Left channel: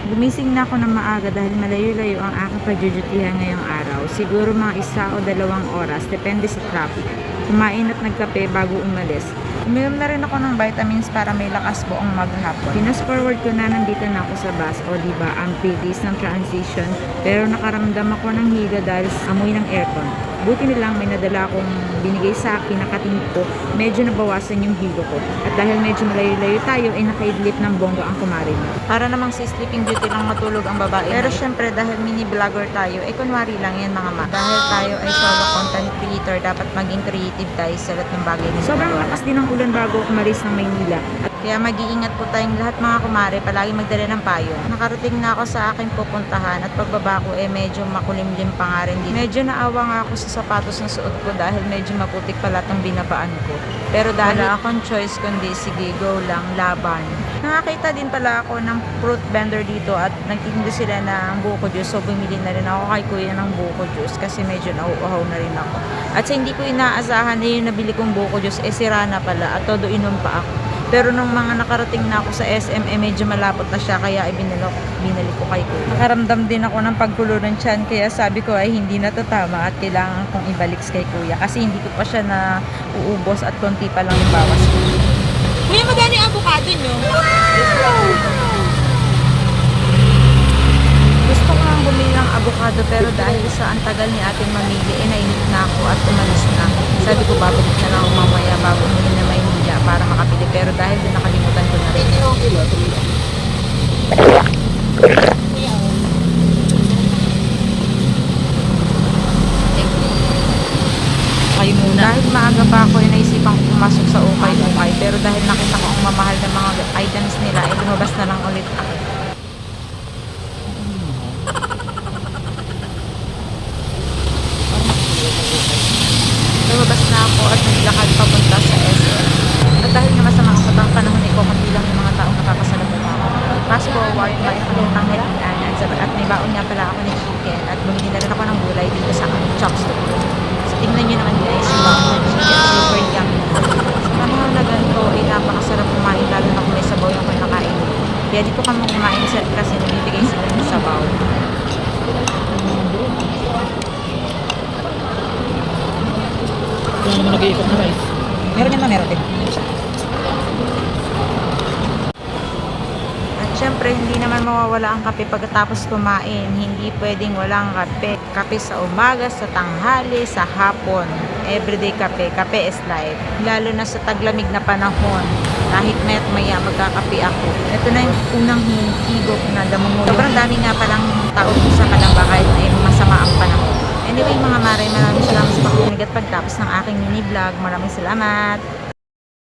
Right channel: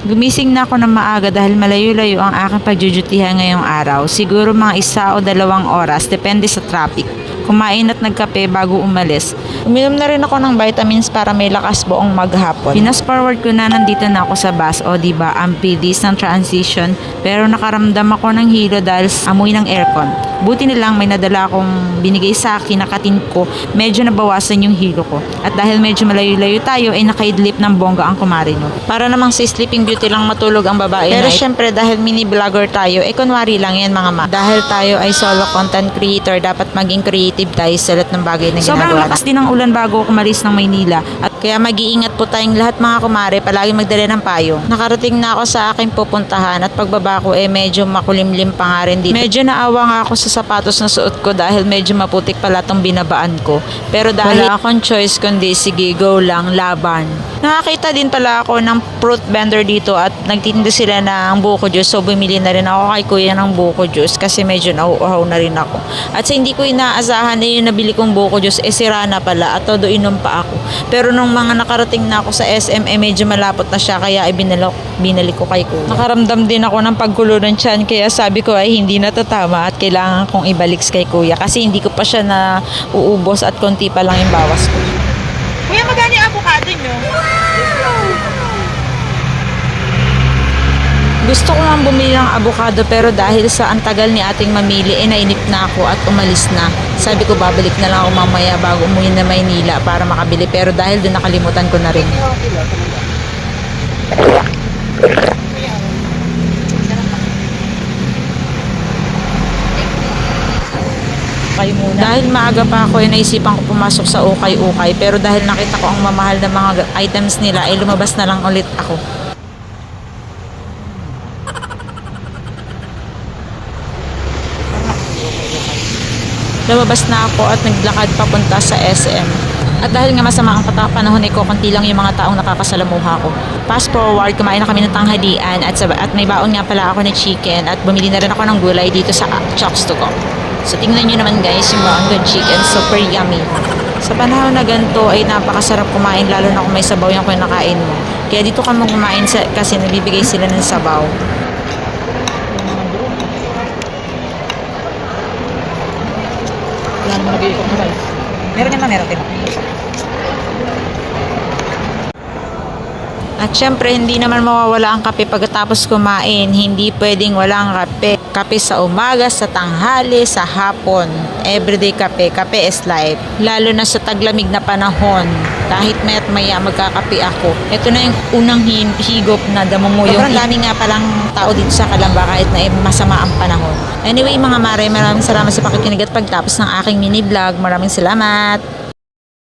Gumising na ako ng maaga dahil malayo-layo ang aking pagjujutihan ngayong araw. Siguro mga 1 o 2 oras, depende sa traffic. Kumain at nagkape bago umalis. Uminom na rin ako ng vitamins para may lakas buong maghapon. Pinas forward ko na nandito na ako sa bus. O diba, ang bilis ng transition. Pero nakaramdam ako ng hilo dahil sa amoy ng aircon. Buti na lang may nadala akong binigay sa akin na katin ko. Medyo nabawasan yung hilo ko. At dahil medyo malayo-layo tayo, ay nakaidlip ng bongga ang kumarino. Para namang si Sleeping Beauty lang matulog ang babae. Pero syempre dahil mini vlogger tayo, kunwari lang yan mga ma. Dahil tayo ay solo content creator, dapat maging creative tayo sa lahat ng bagay na ginagawa. Sobrang lakas din ang ulan bago ako umalis ng Maynila. At kaya mag-iingat po tayong lahat mga kumare, palagi magdala ng payong. Nakarating na ako sa aking pupuntahan at pagbaba ko medyo makulimlim pa nga rin dito. Medyo naawa nga ako sa sapatos na suot ko dahil medyo maputik pala tong binabaan ko. Pero dahil wala akong choice kundi sige, go lang, laban. Nakakita din pala ako ng fruit vendor dito at nagtitinda sila ng buko juice, so bumili na rin ako kay kuya ng buko juice kasi medyo nauuhaw na rin ako. At sa hindi ko inaasahan na yung nabili kong buko juice sira na pala at todo inom pa ako. Pero nung mga nakarating na ako sa SM medyo malapot na siya kaya binalik ko kay kuya. Nakaramdam din ako ng pagkulo ng tiyan kaya sabi ko ay hindi na tatama at kailangan kong ibalik kay kuya kasi hindi ko pa siya na uubos at konti pa lang yung bawas ko. Kuya, magkano yung avocado nyo? Gusto ko lang bumili ng avocado pero dahil sa antagal ni ating mamili nainip na ako at umalis na. Sabi ko babalik na lang ako mamaya bago umuwi na Maynila para makabili pero dahil doon nakalimutan ko na rin. Ukay muna. Dahil maaga pa ako naisipan ko pumasok sa ukay-ukay pero dahil nakita ko ang mamahal na mga items nila ay lumabas na lang ulit ako. Lumabas na ako at naglakad papunta sa SM. At dahil nga masama ang panahon ko, konti lang yung mga taong nakakasalamuha ko. Fast forward, kumain na kami ng tanghalian at may baon nga pala ako ng chicken at bumili na rin ako ng gulay dito sa Chocs to Go. So tingnan nyo naman guys yung baon ko chicken, super yummy. Sa panahon na ganito ay napakasarap kumain lalo na kung may sabaw yung kinakain mo. Kaya dito ka mo kumain kasi nabibigay sila ng sabaw. Wala naman nag-iikot na live. Meron yan meron din. At syempre, hindi naman mawawala ang kape pagkatapos kumain. Hindi pwedeng walang kape. Kape sa umaga, sa tanghali, sa hapon. Everyday kape. Kape is life. Lalo na sa taglamig na panahon. Kahit maya't maya magkakape ako. Ito na yung unang higop na damunguyo. Sobrang dami nga palang tao dito sa Calamba kahit na masama ang panahon. Anyway mga mare, maraming salamat sa pakikinig at pagtapos ng aking mini vlog. Maraming salamat.